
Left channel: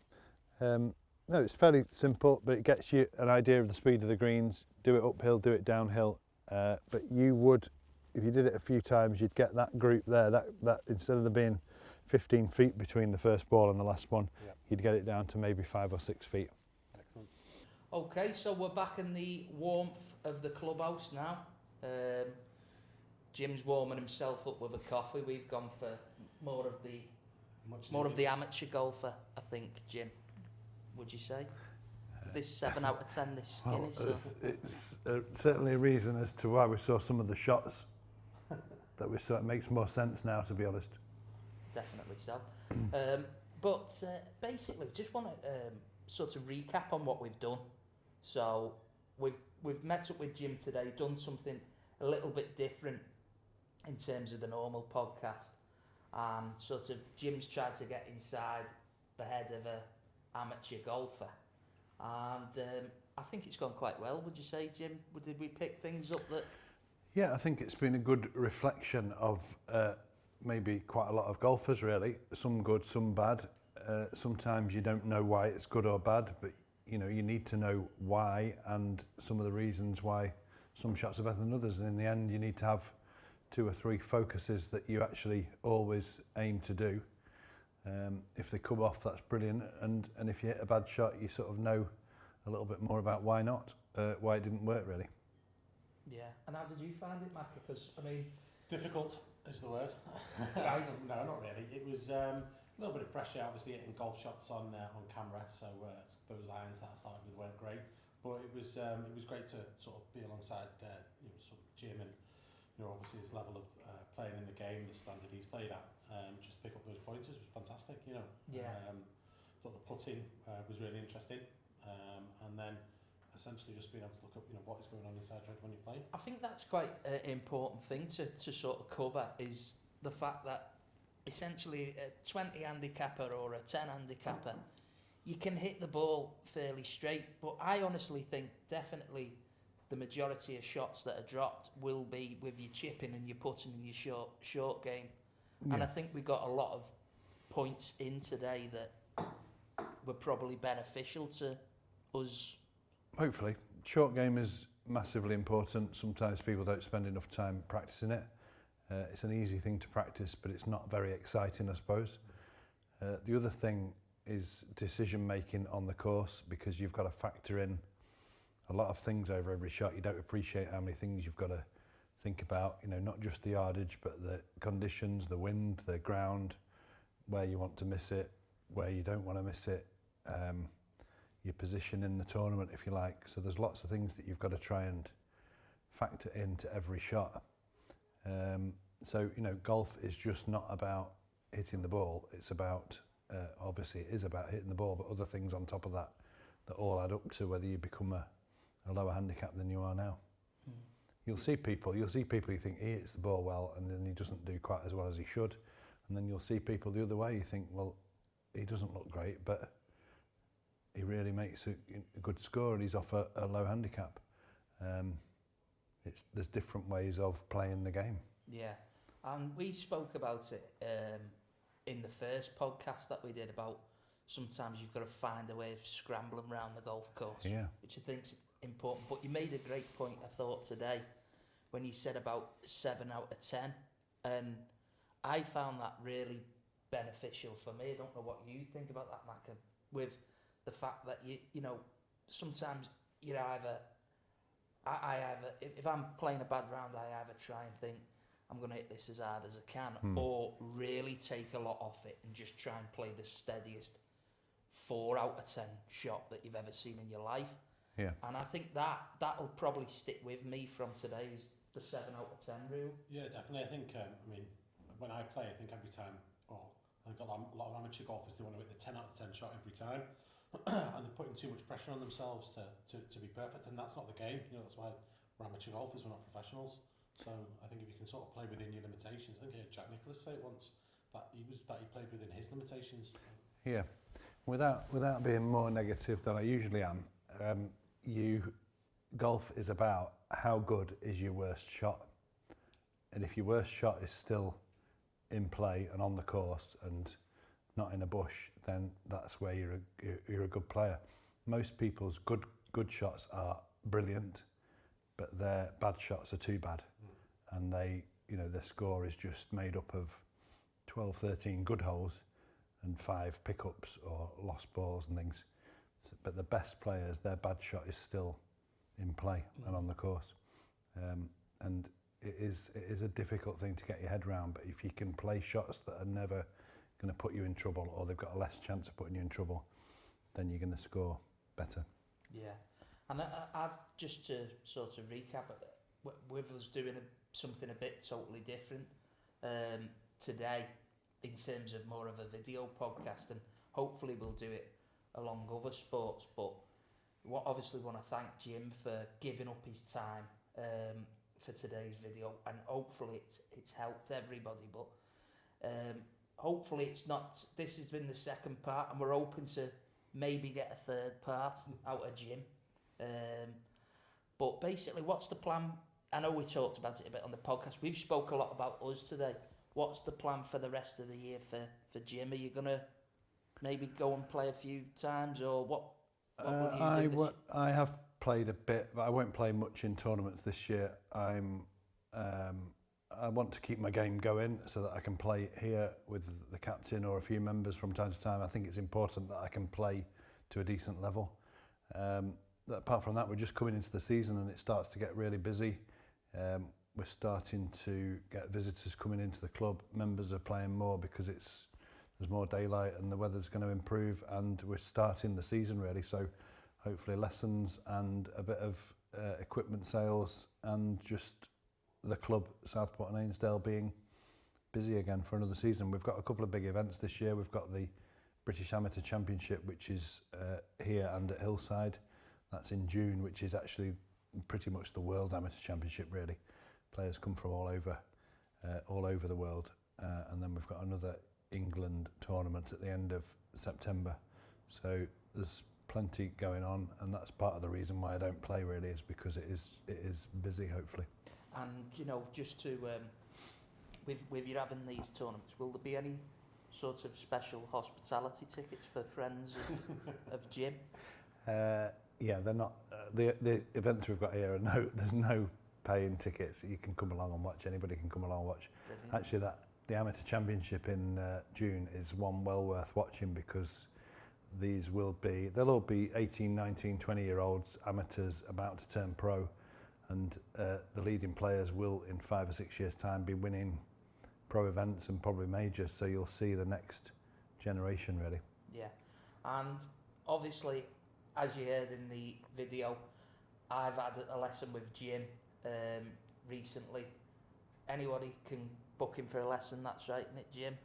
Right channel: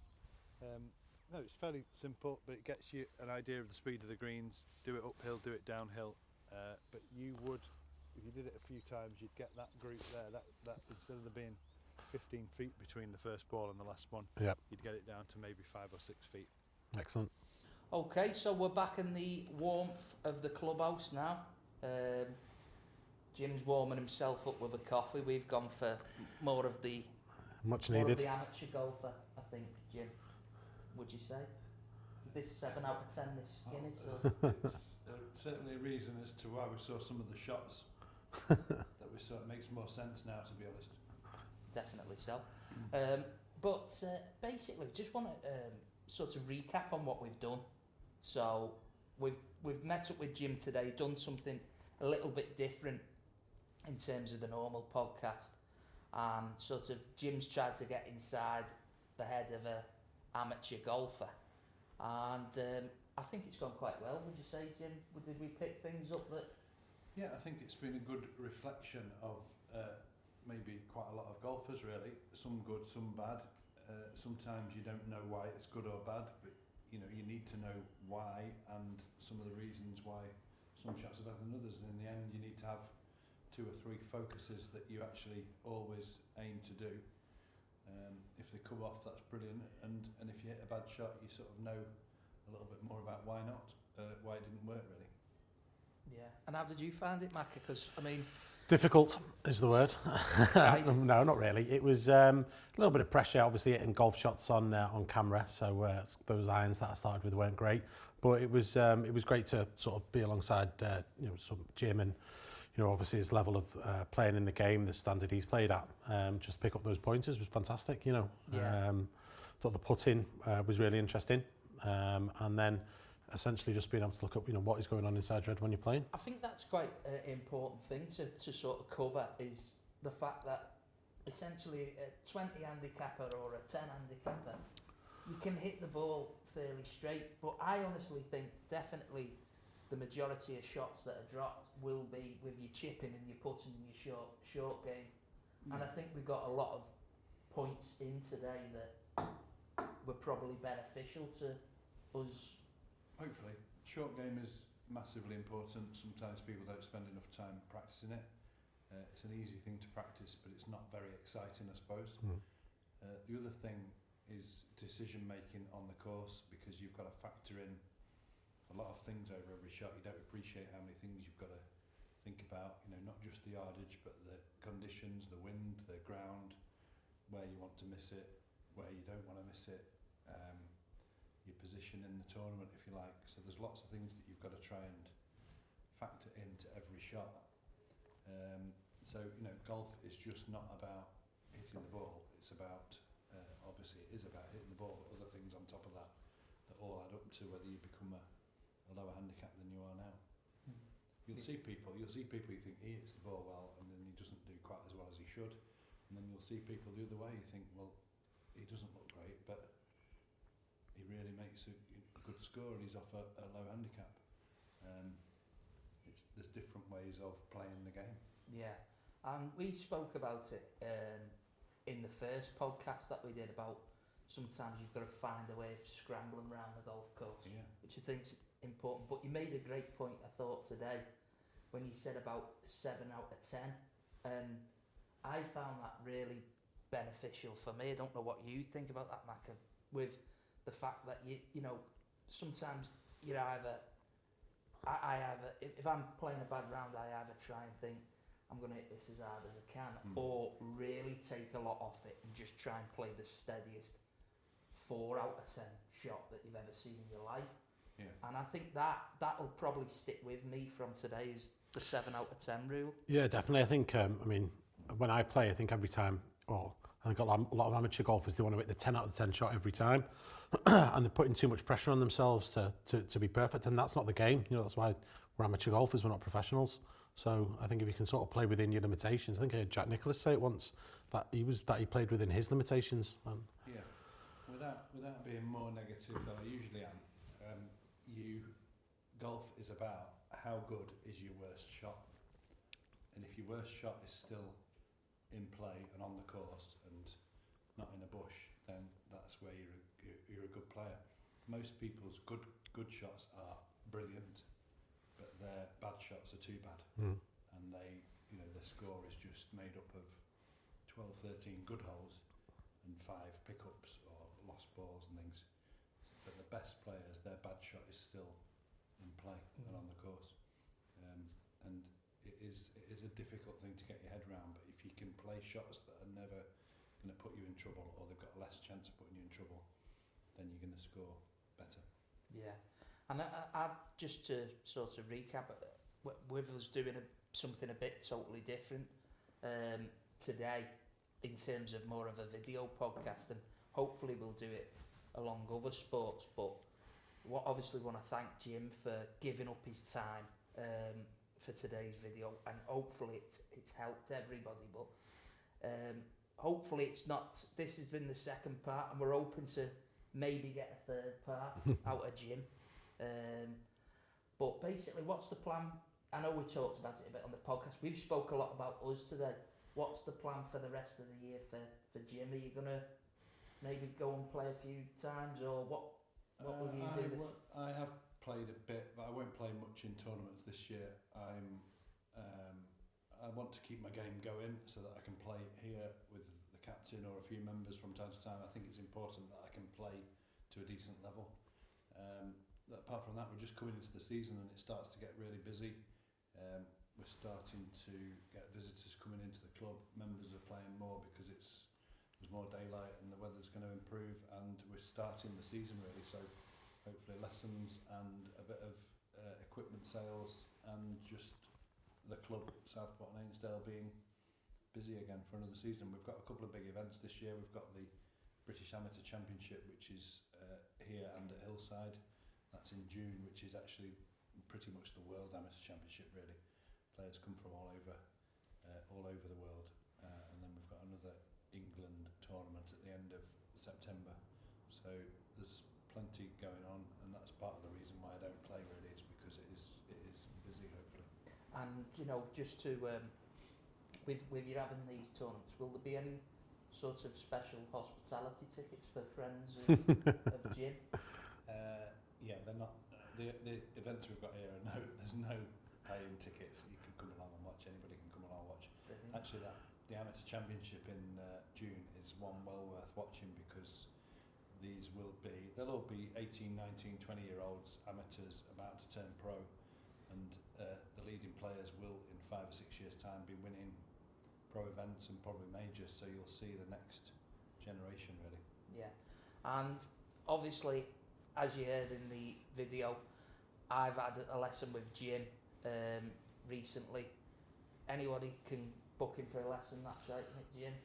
No, it's fairly simple, but it gets you an idea of the speed of the greens. Do it uphill, do it downhill. But you would if you did it a few times, you'd get that group there. That instead of there being 15 feet between the first ball and the last one, Yep. you'd get it down to maybe 5 or 6 feet. Excellent. Okay, so we're back in the warmth of the clubhouse now. Jim's warming himself up with a coffee. We've gone for more of the Much more needed. of the amateur golfer, I think, Jim. Would you say? Is this 7 out of 10 this Guinness? It's certainly a reason as to why we saw some of the shots that we saw. It makes more sense now, to be honest. Definitely so. But basically, just want to sort of recap on what we've done. So we've met up with Jim today, done something a little bit different in terms of the normal podcast, and sort of Jim's tried to get inside the head of a amateur golfer, and I think it's gone quite well. Would you say, Jim? Did we pick things up that? Yeah, I think it's been a good reflection of maybe quite a lot of golfers, really. Some good, some bad. Sometimes you don't know why it's good or bad, but you know, you need to know why and some of the reasons why some shots are better than others. And in the end, you need to have 2 or 3 focuses that you actually always aim to do. If they come off, that's brilliant. And if you hit a bad shot, you sort of know a little bit more about why not, why it didn't work, really. Yeah. And how did you find it, Macca? Because I mean, Difficult is the word. Right. No, not really. It was a little bit of pressure, obviously, hitting golf shots on camera. So those irons that I started with weren't great, but it was great to sort of be alongside some Jim and obviously his level of playing in the game, the standard he's played at. Just pick up those pointers was fantastic. Yeah. Thought the putting was really interesting, and then essentially just being able to look up what is going on inside red when you're playing. I think that's quite an important thing to sort of cover, is the fact that essentially a 20 handicapper or a 10 handicapper, you can hit the ball fairly straight, but I honestly think definitely the majority of shots that are dropped will be with your chipping and your putting and your short game. Yeah. And I think we got a lot of points in today that were probably beneficial to us. Hopefully. Short game is massively important. Sometimes people don't spend enough time practicing it. It's an easy thing to practice, but it's not very exciting, I suppose. The other thing is decision making on the course, because you've got to factor in a lot of things over every shot. You don't appreciate how many things you've got to think about, not just the yardage, but the conditions, the wind, the ground, where you want to miss it, where you don't want to miss it, your position in the tournament, if you like. So there's lots of things that you've got to try and factor into every shot. So golf is just not about hitting the ball. It's about, obviously it is about hitting the ball, but other things on top of that all add up to whether you become a lower handicap than you are now. You'll see people you think he hits the ball well, and then he doesn't do quite as well as he should. And then you'll see people the other way, you think, well, he doesn't look great, but he really makes a good score and he's off a low handicap. There's different ways of playing the game. Yeah, and we spoke about it in the first podcast that we did about sometimes you've got to find a way of scrambling around the golf course, Yeah. which I think's important. But you made a great point, I thought, today when you said about 7 out of 10, and I found that really beneficial for me. I don't know what you think about that, Macca, with the fact that you know sometimes you're either I either, if I'm playing a bad round, I either try and think I'm going to hit this as hard as I can, or really take a lot off it and just try and play the steadiest 4 out of 10 shot that you've ever seen in your life. Yeah. And I think that'll probably stick with me from today's the 7 out of 10 rule. Yeah, definitely. I think, when I play, I think every time, I think a lot of amateur golfers, they want to hit the 10 out of 10 shot every time. And they're putting too much pressure on themselves to be perfect. And that's not the game. That's why we're amateur golfers, we're not professionals. So I think if you can sort of play within your limitations, I think I heard Jack Nicklaus say it once, that he played within his limitations. Yeah. Without being more negative than I usually am, golf is about how good is your worst shot. And if your worst shot is still in play and on the course and not in a bush, then that's where you're a good player. Most people's good shots are brilliant, but their bad shots are too bad. and their score is just made up of 12, 13 good holes and 5 pickups or lost balls and things. But the best players, their bad shot is still in play and on the course. And it is a difficult thing to get your head around, but if you can play shots that are never going to put you in trouble, or they've got a less chance of putting you in trouble, then you're going to score better. Yeah, and I've just to sort of recap, with us doing something a bit totally different today, in terms of more of a video podcast, and hopefully we'll do it along other sports. But obviously want to thank Jim for giving up his time for today's video, and hopefully it's helped everybody. But hopefully it's not. This has been the second part, and we're hoping to maybe get a third part out of Jim. But basically, what's the plan? I know we talked about it a bit on the podcast. We've spoke a lot about us today. What's the plan for the rest of the year for Jim? Are you gonna maybe go and play a few times, or what will you do? I have played a bit, but I won't play much in tournaments this year. I want to keep my game going so that I can play here with the captain or a few members from time to time. I think it's important that I can play to a decent level. Apart from that, we're just coming into the season and it starts to get really busy. We're starting to get visitors coming into the club. Members are playing more because there's more daylight and the weather's going to improve, and we're starting the season really. So hopefully lessons and a bit of equipment sales, and just the club, Southport and Ainsdale, being busy again for another season. We've got a couple of big events this year. We've got the British Amateur Championship, which is here and at Hillside. That's in June, which is actually pretty much the World Amateur Championship really. Players come from all over the world. And then we've got another England tournament at the end of September. So there's plenty going on, and that's part of the reason why I don't play really, is because it is busy, hopefully. And just to with you having these tournaments, will there be any sort of special hospitality tickets for friends of Jim? Yeah, they're not. The events we've got here there's no paying tickets. You can come along and watch. Anybody can come along and watch. Brilliant. Actually, the Amateur Championship in June is one well worth watching, because they'll all be 18, 19, 20-year-olds, amateurs about to turn pro, and the leading players will, in 5 or 6 years' time, be winning pro events and probably majors. So you'll see the next generation really. Yeah, and obviously, as you heard in the video, I've had a lesson with Jim recently. Anybody can book him for a lesson, that's right, isn't it, Jim?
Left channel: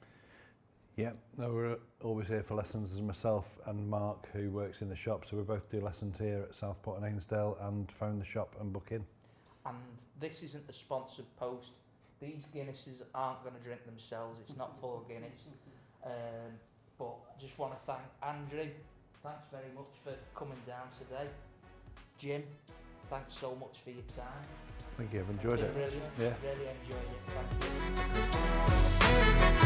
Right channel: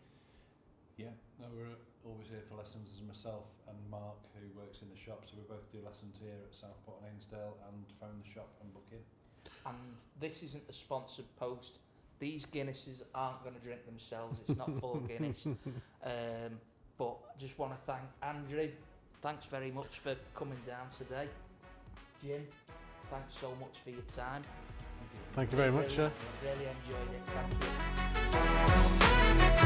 Yeah, no, we're always here for lessons. There's myself and Mark, who works in the shop, so we both do lessons here at Southport and Ainsdale, and phone the shop and book in. And this isn't a sponsored post. These Guinnesses aren't going to drink themselves. It's not for Guinness. But I just want to thank Andrew. Thanks very much for coming down today. Jim, thanks so much for your time. Thank you. Thank you very much. Really enjoyed it. Thank you.